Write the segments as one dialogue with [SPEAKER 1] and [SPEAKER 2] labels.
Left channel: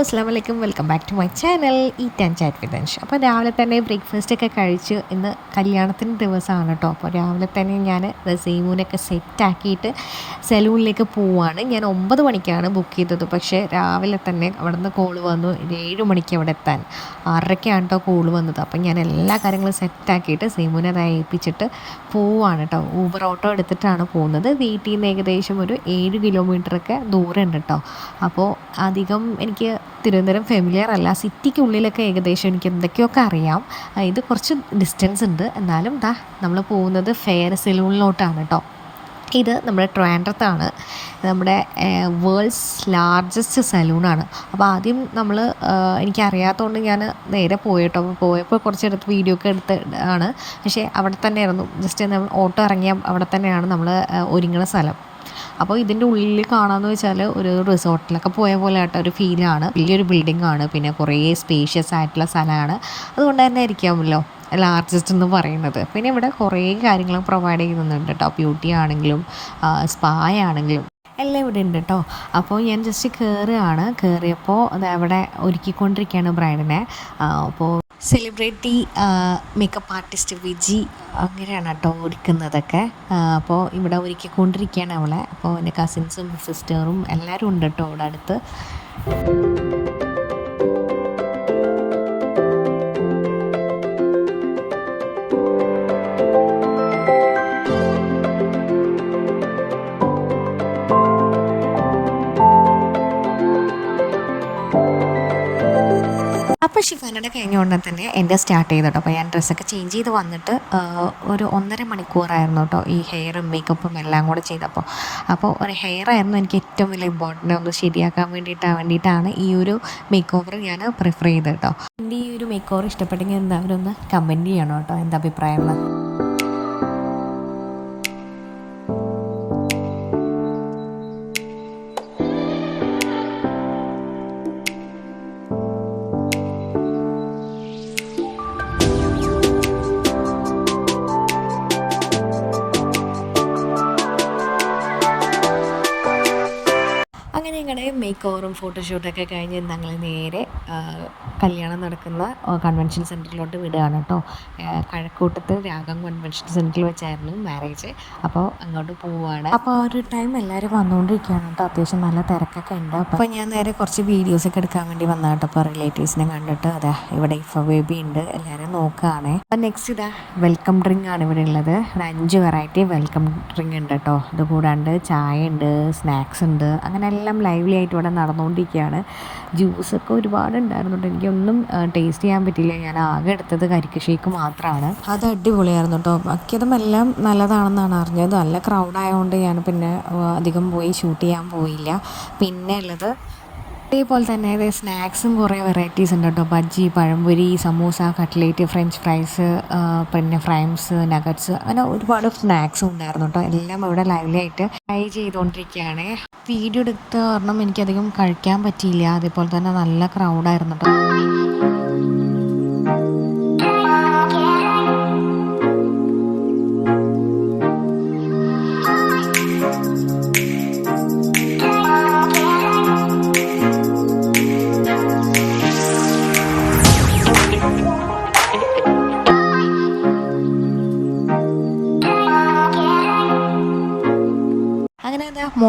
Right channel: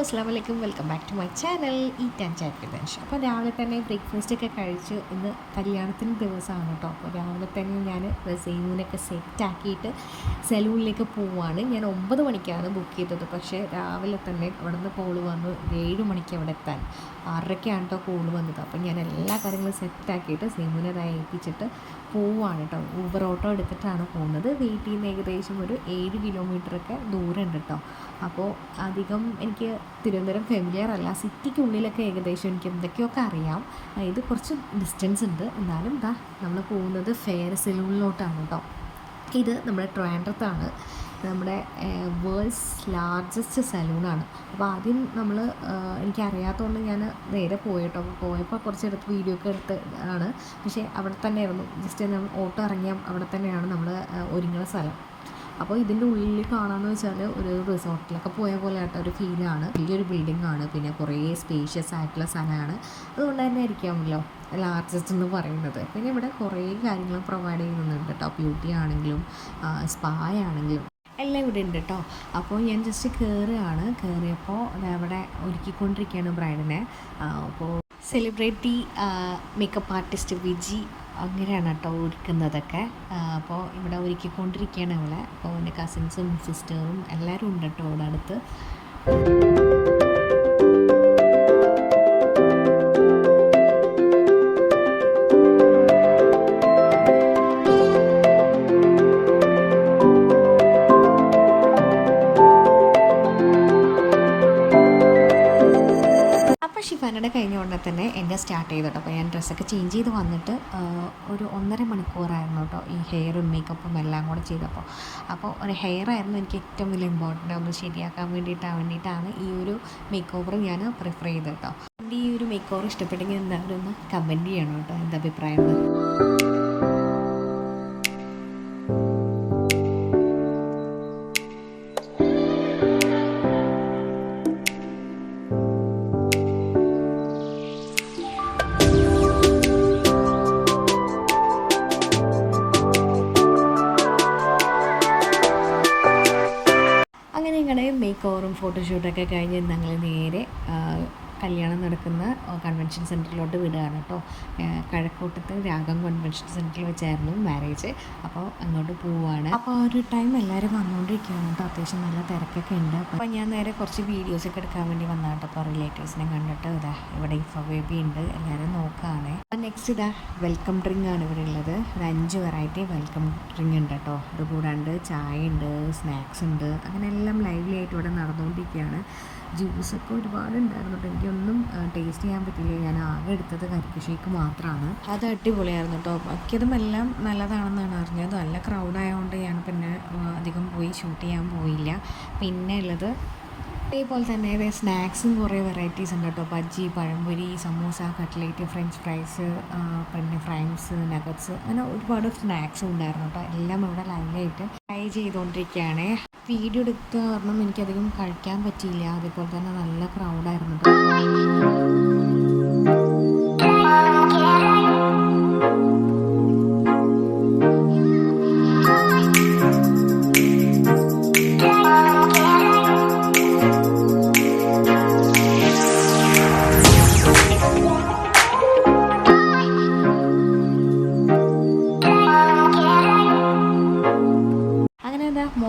[SPEAKER 1] അസ്സാം വലൈക്കും welcome back to my channel. Eat and chat with അപ്പോൾ രാവിലെ തന്നെ ബ്രേക്ക്ഫാസ്റ്റ് ഒക്കെ കഴിച്ച് ഇന്ന് കല്യാണത്തിന്റെ ദിവസമാണ് കേട്ടോ. അപ്പോൾ രാവിലെ തന്നെ ഞാൻ സീമൂനൊക്കെ സെറ്റാക്കിയിട്ട് സലൂണിലേക്ക് പോവുകയാണ് ഞാൻ ഒമ്പത് മണിക്കാണ് ബുക്ക് ചെയ്തത്. പക്ഷേ രാവിലെ തന്നെ അവിടെ നിന്ന് കോൾ വന്നു ഏഴ് മണിക്ക് അവിടെ എത്താൻ. ആറരയ്ക്കാണ് കേട്ടോ കോൾ വന്നത്. അപ്പോൾ ഞാൻ എല്ലാ കാര്യങ്ങളും സെറ്റാക്കിയിട്ട് സീമൂനെ അത് ഏൽപ്പിച്ചിട്ട് പോവുകയാണ് കേട്ടോ. ഊബർ ഓട്ടോ എടുത്തിട്ടാണ് പോകുന്നത്. വീട്ടിൽ നിന്ന് ഏകദേശം ഒരു ഏഴ് കിലോമീറ്ററൊക്കെ ദൂരം ഉണ്ട് കേട്ടോ. അപ്പോൾ അധികം എനിക്ക് തിരുവനന്തപുരം ഫെമിലിയർ അല്ല. സിറ്റിക്കുള്ളിലൊക്കെ ഏകദേശം എനിക്ക് എന്തൊക്കെയൊക്കെ അറിയാം. ഇത് കുറച്ച് ഡിസ്റ്റൻസ് ഉണ്ട്. എന്നാലും ദാ നമ്മൾ പോകുന്നത് ഫെയർ സെലൂണിലോട്ടാണ് കേട്ടോ ഇത് നമ്മുടെ ട്രാൻഡ്രത്താണ് നമ്മുടെ വേൾഡ്സ് ലാർജസ്റ്റ് സലൂണാണ് അപ്പോൾ ആദ്യം നമ്മൾ എനിക്കറിയാത്തതുകൊണ്ട് ഞാൻ നേരെ പോയിട്ടോ. പോയപ്പോൾ കുറച്ചെടുത്ത് വീഡിയോ ഒക്കെ എടുത്ത് ആണ്. പക്ഷേ അവിടെ തന്നെയായിരുന്നു. ജസ്റ്റ് നമ്മൾ ഓട്ടോ ഇറങ്ങിയ അവിടെ തന്നെയാണ് നമ്മൾ ഒരുങ്ങുന്ന സ്ഥലം. അപ്പോൾ ഇതിന്റെ ഉള്ളിൽ കാണാമെന്ന് വെച്ചാൽ ഒരു റിസോർട്ടിലൊക്കെ പോയ പോലെ ആയിട്ട് ഒരു ഫീലാണ് വലിയൊരു ബിൽഡിംഗ് ആണ്. പിന്നെ കുറേ സ്പേഷ്യസ് ആയിട്ടുള്ള സ്ഥലമാണ്. അതുകൊണ്ട് തന്നെ ആയിരിക്കാമല്ലോ ലാർജസ്റ്റ് എന്ന് പറയുന്നത്. പിന്നെ ഇവിടെ കുറേ കാര്യങ്ങൾ പ്രൊവൈഡ് ചെയ്യുന്നുണ്ട് കേട്ടോ ബ്യൂട്ടി ആണെങ്കിലും സ്പാ ആണെങ്കിലും. എല്ലാം ഇവിടെ ഉണ്ട് കേട്ടോ അപ്പോൾ ഞാൻ ജസ്റ്റ് കയറുകയാണ് കയറിയപ്പോൾ അത് അവിടെ ഒരുക്കിക്കൊണ്ടിരിക്കുകയാണ് ബ്രൈഡിനെ. അപ്പോൾ സെലിബ്രിറ്റി മേക്കപ്പ് ആർട്ടിസ്റ്റ് വിജി അങ്ങനെയാണ് കേട്ടോ ഒരുക്കുന്നതൊക്കെ. അപ്പോൾ ഇവിടെ ഒരുക്കിക്കൊണ്ടിരിക്കുകയാണ് അവളെ. അപ്പോൾ എന്റെ കസിൻസും സിസ്റ്ററും എല്ലാവരും ഉണ്ട് കേട്ടോ അവിടെ അടുത്ത്. ഷിഫാനയുടെ കഴിഞ്ഞ ഉടനെ തന്നെ എന്റെ സ്റ്റാർട്ട് ചെയ്തു കേട്ടോ അപ്പോൾ ഞാൻ ഡ്രസ്സൊക്കെ ചേഞ്ച് ചെയ്ത് വന്നിട്ട് ഒരു ഒന്നര മണിക്കൂറായിരുന്നു കേട്ടോ ഈ ഹെയറും മേക്കപ്പും എല്ലാം കൂടെ ചെയ്തപ്പോൾ. അപ്പോൾ ഒരു ഹെയർ ആയിരുന്നു എനിക്ക് ഏറ്റവും വലിയ ഇമ്പോർട്ടന്റ് ഒന്ന് ശരിയാക്കാൻ വേണ്ടിയിട്ട് വേണ്ടിയിട്ടാണ് ഈ ഒരു മേക്ക് ഓവർ ഞാൻ പ്രിഫർ ചെയ്തത് കേട്ടോ. എന്റെ ഈ ഒരു മേക്ക് ഓവർ ഇഷ്ടപ്പെട്ടെങ്കിൽ എന്തായാലും ഒന്ന് കമന്റ് ചെയ്യണം കേട്ടോ. എന്താ അഭിപ്രായങ്ങൾ ഞങ്ങളുടെ മേക്ക് ഓവറും ഫോട്ടോഷൂട്ടൊക്കെ കഴിഞ്ഞ് ഞങ്ങൾ നേരെ കല്യാണം നടക്കുന്ന കൺവെൻഷൻ സെന്ററിലോട്ട് വിടുകയാണ് കേട്ടോ കഴക്കൂട്ടത്ത് രാഗം കൺവെൻഷൻ സെന്ററിൽ വെച്ചായിരുന്നു മാരേജ് അപ്പോൾ അങ്ങോട്ട് പോവുകയാണ്. അപ്പോൾ ആ ഒരു ടൈം എല്ലാവരും വന്നുകൊണ്ടിരിക്കുകയാണ് കേട്ടോ അത്യാവശ്യം നല്ല തിരക്കൊക്കെ ഉണ്ട്. അപ്പോൾ ഞാൻ നേരെ കുറച്ച് വീഡിയോസൊക്കെ എടുക്കാൻ വേണ്ടി വന്ന കേട്ടോ അപ്പോൾ റിലേറ്റീവ്സിനെ കണ്ടിട്ട് അതാ ഇവിടെ ഇഫ ബേബി ഉണ്ട്. എല്ലാവരും നോക്കുകയാണ്. അപ്പോൾ നെക്സ്റ്റ് ഇതാ വെൽക്കം ഡ്രിങ്ക് ആണ് ഇവിടെ ഉള്ളത്. ഇവിടെ അഞ്ച് വെറൈറ്റി വെൽക്കം ഡ്രിങ്ക് ഉണ്ട് കേട്ടോ ഇത് കൂടാണ്ട് ചായ ഉണ്ട് സ്നാക്സ് ഉണ്ട്. അങ്ങനെ എല്ലാം ലൈവ്ലി ആയിട്ട് ഇവിടെ നടന്നുകൊണ്ടിരിക്കുകയാണ്. ജ്യൂസൊക്കെ ഒരുപാട് ഉണ്ടായിരുന്നു കേട്ടോ എനിക്കൊന്നും ടേസ്റ്റ് ചെയ്യാൻ പറ്റിയില്ല. ഞാൻ ആകെ എടുത്തത് കരിക്ക് ഷേക്ക് മാത്രമാണ് അത് അടിപൊളിയായിരുന്നു കേട്ടോ ബാക്കിയതും എല്ലാം നല്ലതാണെന്നാണ് അറിഞ്ഞത്. നല്ല ക്രൗഡായതുകൊണ്ട് ഞാൻ പിന്നെ അധികം പോയി ഷൂട്ട് ചെയ്യാൻ പോയില്ല. പിന്നെ ഉള്ളത് അതേപോലെ തന്നെ ഇത് സ്നാക്സും കുറേ വെറൈറ്റീസ് ഉണ്ട് കേട്ടോ. Bajji pazhampori samosa cutlet french fries പിന്നെ ഫ്രൈംസ് നഗറ്റ്സ് അങ്ങനെ ഒരുപാട് സ്നാക്സും ഉണ്ടായിരുന്നു കേട്ടോ. എല്ലാം ഇവിടെ ലൈവ്ലി ആയിട്ട് ട്രൈ ചെയ്തുകൊണ്ടിരിക്കുകയാണ് വീഡിയോ എടുത്ത കാരണം എനിക്കധികം കഴിക്കാൻ പറ്റിയില്ല. അതേപോലെ തന്നെ നല്ല ക്രൗഡായിരുന്നു കേട്ടോ.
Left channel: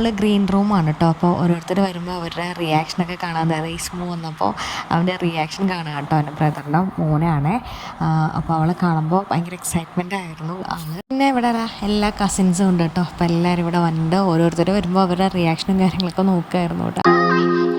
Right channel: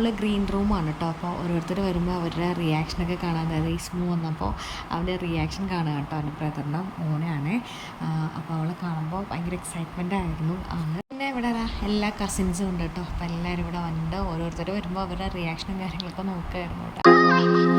[SPEAKER 1] മുകളിൽ ഗ്രീൻ റൂമാണ് കേട്ടോ അപ്പോൾ ഓരോരുത്തർ വരുമ്പോൾ അവരുടെ റിയാക്ഷനൊക്കെ കാണാൻ ഇസ്മു വന്നപ്പോൾ അവന്റെ റിയാക്ഷൻ കാണാം കേട്ടോ എന്റെ ബ്രദറിന്റെ മോനാണ്. അപ്പോൾ അവളെ കാണുമ്പോൾ ഭയങ്കര എക്സൈറ്റ്മെന്റ് ആയിരുന്നു. പിന്നെ ഇവിടെ എല്ലാ കസിൻസും ഉണ്ട് കേട്ടോ അപ്പോൾ എല്ലാവരും ഇവിടെ വന്നിട്ട് ഓരോരുത്തർ വരുമ്പോൾ അവരുടെ റിയാക്ഷനും കാര്യങ്ങളൊക്കെ നോക്കുമായിരുന്നു കേട്ടോ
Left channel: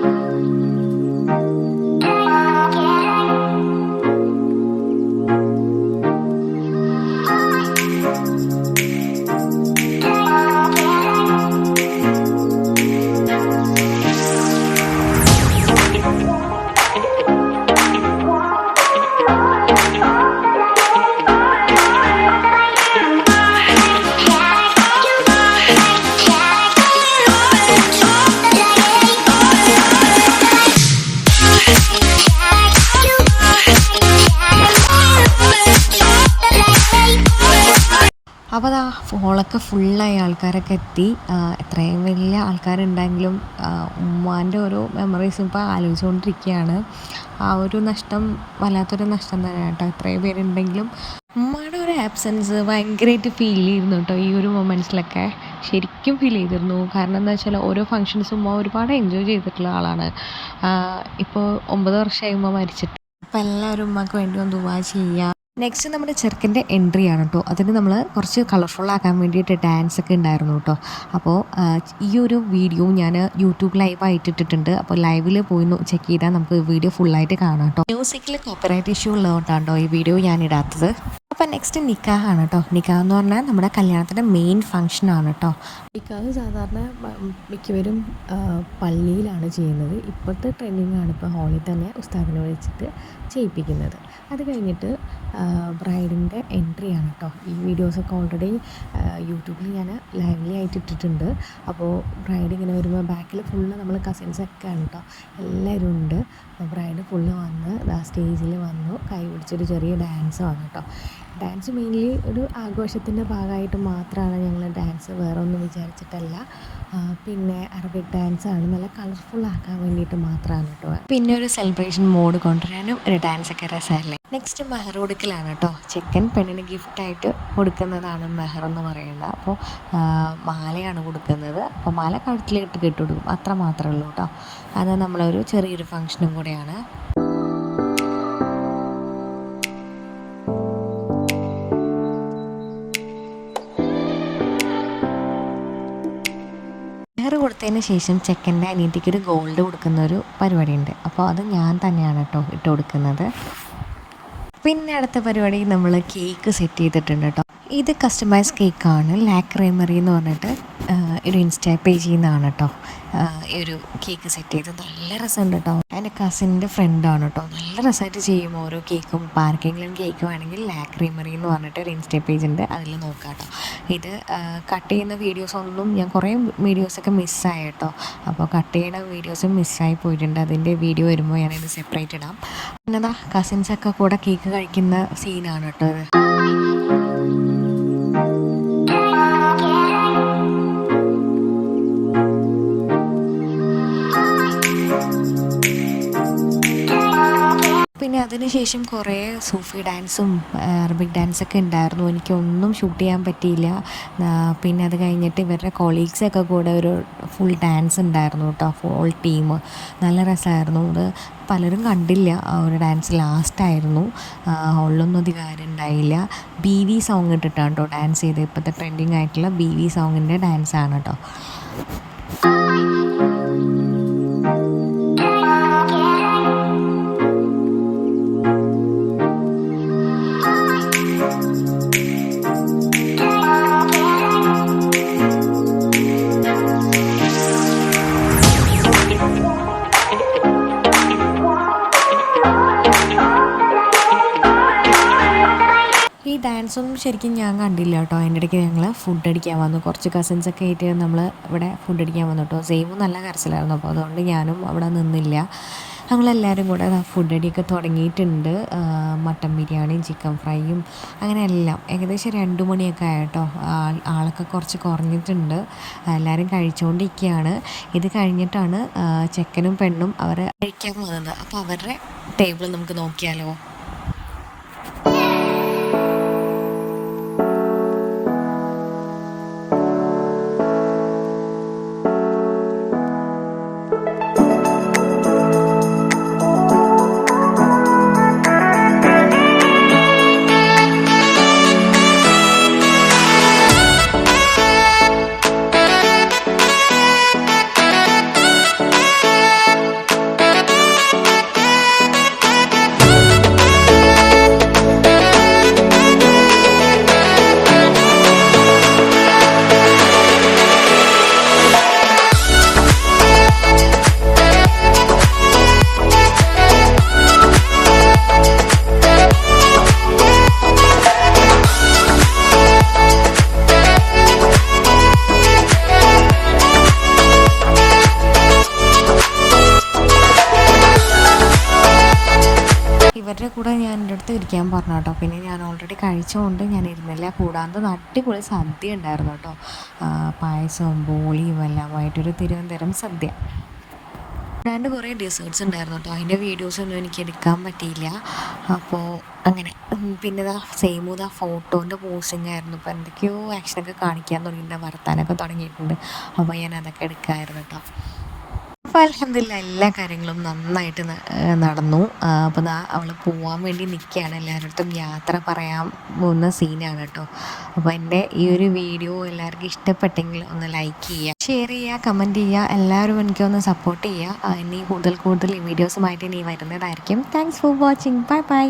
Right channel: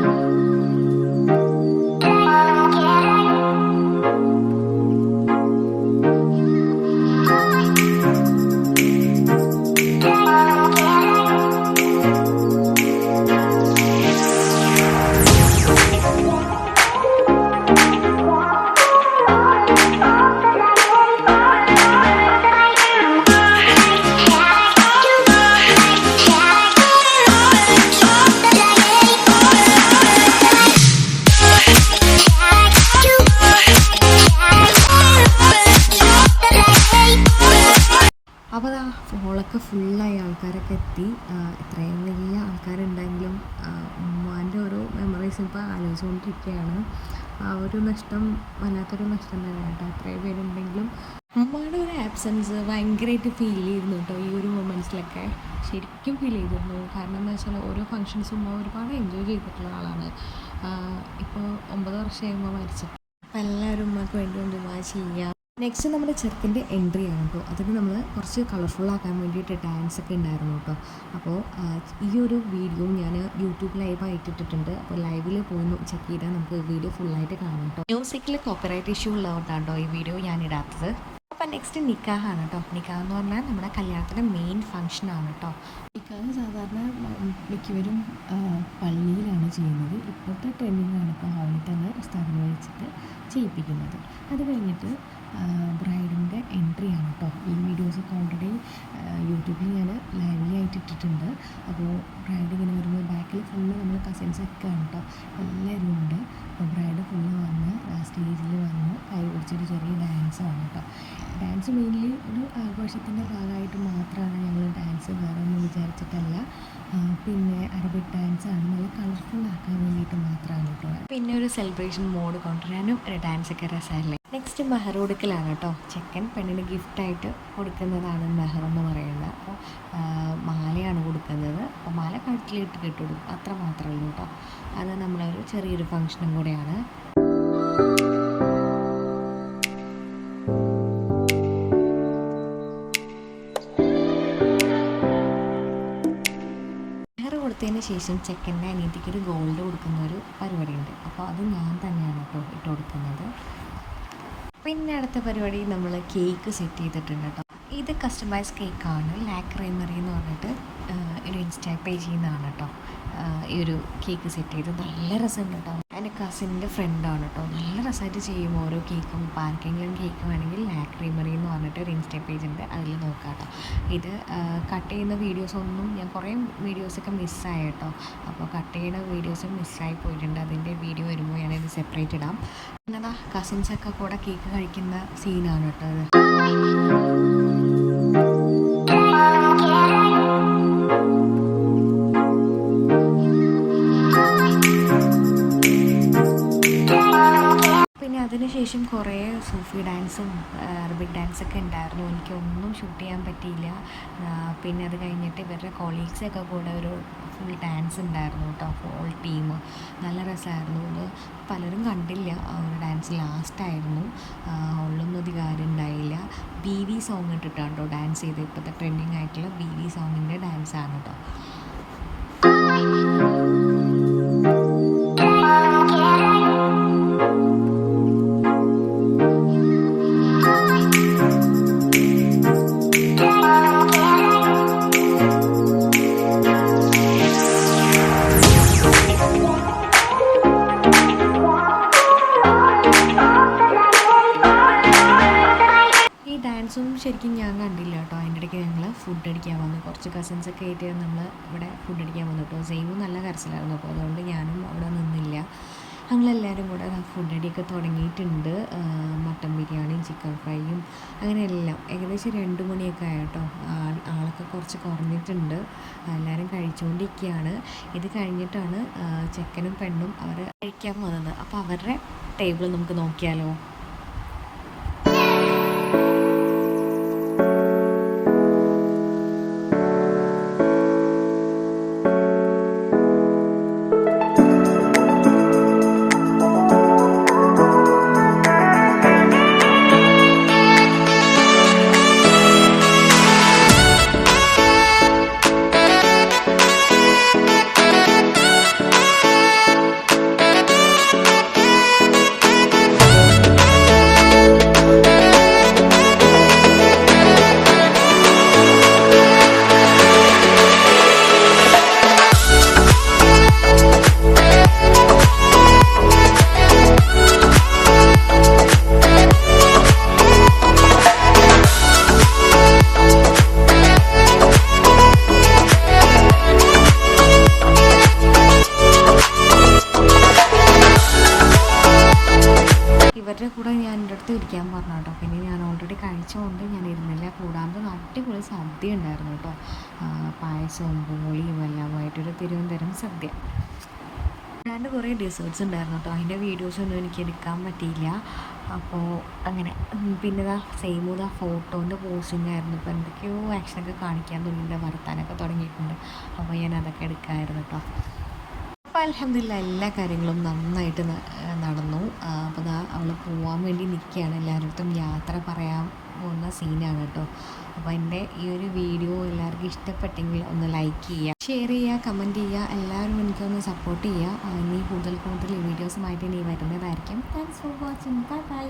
[SPEAKER 1] ആൾക്കാരൊക്കെ എത്തി. എത്രയും വലിയ ആൾക്കാരുണ്ടെങ്കിലും ഉമ്മാന്റെ ഓരോ മെമ്മറീസ് ഇപ്പോൾ ആലോചിച്ചുകൊണ്ടിരിക്കുകയാണ്. ആ ഒരു നഷ്ടം വല്ലാത്തൊരു നഷ്ടം തന്നെയാണ് കേട്ടോ. ഇത്രയും പേരുണ്ടെങ്കിലും ഉമ്മയുടെ ഒരു ആബ്സെൻസ് ഭയങ്കരമായിട്ട് ഫീൽ ചെയ്യുന്നു കേട്ടോ ഈ ഒരു മൊമെന്റ്സിലൊക്കെ ശരിക്കും ഫീൽ ചെയ്തിരുന്നു. കാരണം എന്താ വെച്ചാൽ ഓരോ ഫങ്ഷൻസും ഉമ്മ ഒരുപാട് എൻജോയ് ചെയ്തിട്ടുള്ള ആളാണ്. ഇപ്പോൾ ഒമ്പത് വർഷമായി ഉമ്മ മരിച്ചിട്ട്. അപ്പോൾ എല്ലാവരും ഉമ്മക്ക് വേണ്ടി ഒന്ന് ദുവാ ചെയ്യുക നെക്സ്റ്റ് നമ്മുടെ ചെറുക്കന്റെ എൻട്രി ആണ് കേട്ടോ അതിന് നമ്മൾ കുറച്ച് കളർഫുള്ളാക്കാൻ വേണ്ടിയിട്ട് ഡാൻസ് ഒക്കെ ഉണ്ടായിരുന്നു കേട്ടോ അപ്പോൾ ഈ ഒരു വീഡിയോ ഞാൻ യൂട്യൂബ് ലൈവായിട്ട് ഇട്ടിട്ടുണ്ട്. അപ്പോൾ ലൈവിൽ പോയി ചെക്ക് ചെയ്താൽ നമുക്ക് വീഡിയോ ഫുള്ളായിട്ട് കാണാം കേട്ടോ മ്യൂസിക്കിൽ കോപ്പറേറ്റ് ഇഷ്യൂ ഉള്ളതുകൊണ്ടാണ് കേട്ടോ ഈ വീഡിയോ ഞാൻ ഇടാത്തത്. അപ്പോൾ നെക്സ്റ്റ് നിക്കാഹാണ് കേട്ടോ നിക്കാഹ് എന്ന് പറഞ്ഞാൽ നമ്മുടെ കല്യാണത്തിന്റെ മെയിൻ ഫംഗ്ഷൻ ആണ് കേട്ടോ
[SPEAKER 2] നിക്കാഹ് സാധാരണ മിക്കവരും പള്ളിയിലാണ് ചെയ്യുന്നത്. ഇപ്പോഴത്തെ ട്രെൻഡിങ് ആണ് ഇപ്പോൾ ഹോളിൽ തന്നെ ഉസ്താദിനെ വെച്ചിട്ട് ചെയ്യിപ്പിക്കുന്നത്. അത് കഴിഞ്ഞിട്ട് ബ്രൈഡിന്റെ എൻട്രി ആണ് കേട്ടോ ഈ വീഡിയോസൊക്കെ ഓൾറെഡി യൂട്യൂബിൽ ഞാൻ ലൈവ്ലി ആയിട്ട് ഇട്ടിട്ടുണ്ട്. അപ്പോൾ ബ്രൈഡ് ഇങ്ങനെ വരുമ്പോൾ ബാക്കിൽ ഫുള്ള് നമ്മൾ കസിൻസൊക്കെ ആണ് കേട്ടോ എല്ലാവരും ഉണ്ട്. അപ്പോൾ ബ്രൈഡ് ഫുള്ള് വന്ന് സ്റ്റേജിൽ വന്നു കൈ പിടിച്ചൊരു ചെറിയ ഡാൻസ് ഡാൻസാണ് കേട്ടോ ഡാൻസ് മെയിൻലി ഒരു ആഘോഷത്തിന്റെ ഭാഗമായിട്ട് മാത്രമാണ് ഞങ്ങൾ ഡാൻസ് വേറെ ഒന്നും വിചാരിച്ചിട്ടല്ല പിന്നെ അറബിക് ഡാൻസാണ് നല്ല കളർഫുൾ ആക്കാൻ വേണ്ടിയിട്ട് മാത്രമാണ് കേട്ടോ.
[SPEAKER 1] പിന്നെ ഒരു സെലിബ്രേഷൻ മോഡ് കൊണ്ടുവരാനും ഒരു ഡാൻസ് ഒക്കെ രസമല്ലേ? നെക്സ്റ്റ് മെഹർ കൊടുക്കലാണ് കേട്ടോ. ചെക്കൻ പെണ്ണിന് ഗിഫ്റ്റായിട്ട് കൊടുക്കുന്നതാണ് മെഹർ എന്ന് പറയുന്നത്. അപ്പോൾ മാലയാണ് കൊടുക്കുന്നത്. അപ്പോൾ മാല കഴുത്തിലിട്ട് കെട്ടുകൊടുക്കും അത്ര മാത്രമേ ഉള്ളൂ കേട്ടോ. അത് നമ്മളൊരു ചെറിയൊരു ഫങ്ഷനും കൂടെയാണ്. കൊടുത്തതിന് ശേഷം ചെക്കന്റെ അനിയത്തിക്ക് ഒരു ഗോൾഡ് കൊടുക്കുന്ന ഒരു പരിപാടിയുണ്ട്. അപ്പോൾ അത് ഞാൻ തന്നെയാണ് കേട്ടോ ഇട്ട് കൊടുക്കുന്നത്. പിന്നെ അടുത്ത പരിപാടി നമ്മൾ കേക്ക് സെറ്റ് ചെയ്തിട്ടുണ്ട് കേട്ടോ. ഇത് കസ്റ്റമൈസ് കേക്കാണ് ലാക്രൈമറി എന്ന് പറഞ്ഞിട്ട് ഒരു ഇൻസ്റ്റാ പേജിൽ നിന്നാണ് കേട്ടോ ഈ ഒരു കേക്ക് സെറ്റ് ചെയ്ത്. നല്ല രസമുണ്ട് കേട്ടോ എന്റെ കസിന്റെ ഫ്രണ്ടാണ് കേട്ടോ നല്ല രസമായിട്ട് ചെയ്യും ഓരോ കേക്കും പാർക്കിങ്ങിലും കേക്ക് വേണമെങ്കിൽ ലാക്ക് എന്ന് പറഞ്ഞിട്ട് ഒരു ഇൻസ്റ്റാ പേജ് ഉണ്ട്. അതിൽ നോക്കാം കേട്ടോ ഇത് കട്ട് ചെയ്യുന്ന വീഡിയോസ് ഒന്നും ഞാൻ കുറേ വീഡിയോസൊക്കെ മിസ്സായി കേട്ടോ അപ്പോൾ കട്ട് ചെയ്യുന്ന വീഡിയോസ് മിസ്സായി പോയിട്ടുണ്ട്. അതിന്റെ വീഡിയോ വരുമ്പോൾ ഞാനിത് സെപ്പറേറ്റ് ഇടാം. പിന്നെതാ കസിൻസൊക്കെ കൂടെ കേക്ക് കഴിക്കുന്ന സീനാണ് കേട്ടോ ഇത്. അതിനുശേഷം കുറേ സൂഫി ഡാൻസും അറബിക് ഡാൻസൊക്കെ ഉണ്ടായിരുന്നു. എനിക്കൊന്നും ഷൂട്ട് ചെയ്യാൻ പറ്റിയില്ല. പിന്നെ അത് കഴിഞ്ഞിട്ട് ഇവരുടെ കൊളീഗ്സൊക്കെ കൂടെ ഒരു ഫുൾ ഡാൻസ് ഉണ്ടായിരുന്നു കേട്ടോ. ഫുൾ ടീം നല്ല രസമായിരുന്നു. അത് പലരും കണ്ടില്ല ഒരു ഡാൻസ് ലാസ്റ്റായിരുന്നു ഹോളിലൊന്നും അധികം ഉണ്ടായില്ല. ബി വി സോങ് ഇട്ടിട്ടാണ് കേട്ടോ ഡാൻസ് ചെയ്ത് ഇപ്പോഴത്തെ ട്രെൻഡിങ് ആയിട്ടുള്ള ബി വി സോങ്ങിന്റെ ഡാൻസാണ് കേട്ടോ. ശരിക്കും ഞാൻ കണ്ടില്ല കേട്ടോ. അതിന്റെ ഇടയ്ക്ക് ഞങ്ങൾ ഫുഡ് അടിക്കാൻ വന്നു. കുറച്ച് കസിൻസൊക്കെ ആയിട്ട് നമ്മൾ ഇവിടെ ഫുഡ് അടിക്കാൻ വന്നു കേട്ടോ. സെയിമും നല്ല കരച്ചിലായിരുന്നു. അപ്പോൾ അതുകൊണ്ട് ഞാനും അവിടെ നിന്നില്ല. ഞങ്ങളെല്ലാവരും കൂടെ ഫുഡ് അടിയൊക്കെ തുടങ്ങിയിട്ടുണ്ട്. മട്ടൻ ബിരിയാണിയും ചിക്കൻ ഫ്രൈയും അങ്ങനെ എല്ലാം. ഏകദേശം രണ്ട് മണിയൊക്കെ ആയിട്ടോ ആളൊക്കെ കുറച്ച് കുറഞ്ഞിട്ടുണ്ട്. എല്ലാവരും കഴിച്ചുകൊണ്ടിരിക്കുകയാണ് ഇത് കഴിഞ്ഞിട്ടാണ് ചെക്കനും പെണ്ണും അവർ കഴിക്കാൻ വന്നത്. അപ്പോൾ അവരുടെ ടേബിൾ നമുക്ക് നോക്കിയാലോ? കഴിച്ചുകൊണ്ട് ഞാൻ ഇരുന്നില്ല. കൂടാതെ അടിപൊളി സദ്യ ഉണ്ടായിരുന്നു കേട്ടോ. പായസവും ബോളിയും എല്ലാമായിട്ടൊരു തിരുവനന്തപുരം സദ്യ. രണ്ട് കുറേ ഡിസേർട്സ് ഉണ്ടായിരുന്നു കേട്ടോ. അതിന്റെ വീഡിയോസൊന്നും എനിക്ക് എടുക്കാൻ പറ്റിയില്ല. അപ്പോൾ അങ്ങനെ പിന്നെ ഇതാ സെയിം ഇതാ ഫോട്ടോന്റെ പോസ്റ്റിംഗ് ആയിരുന്നു. ഇപ്പോൾ എന്തൊക്കെയോ ആക്ഷനൊക്കെ കാണിക്കാൻ തുടങ്ങിയിട്ടുണ്ട് വർത്താനൊക്കെ തുടങ്ങിയിട്ടുണ്ട്. അപ്പോൾ ഞാൻ അതൊക്കെ എടുക്കാമായിരുന്നു കേട്ടോ. അപ്പോൾ അലഹമില്ല എല്ലാ കാര്യങ്ങളും നന്നായിട്ട് നടന്നു. അപ്പോൾ അവൾ പോവാൻ വേണ്ടി നിൽക്കുകയാണ് എല്ലാവരുടെ യാത്ര പറയാൻ പോകുന്ന സീനാണ് കേട്ടോ അപ്പോൾ എന്റെ ഈ ഒരു വീഡിയോ എല്ലാവർക്കും ഇഷ്ടപ്പെട്ടെങ്കിൽ ഒന്ന് ലൈക്ക് ചെയ്യുക ഷെയർ ചെയ്യുക കമന്റ് ചെയ്യുക എല്ലാവരും എനിക്ക് ഒന്ന് സപ്പോർട്ട് ചെയ്യുക ഇനി കൂടുതൽ കൂടുതൽ വീഡിയോസുമായിട്ട് ഇനി വരുന്നതായിരിക്കും. Thanks for watching bye bye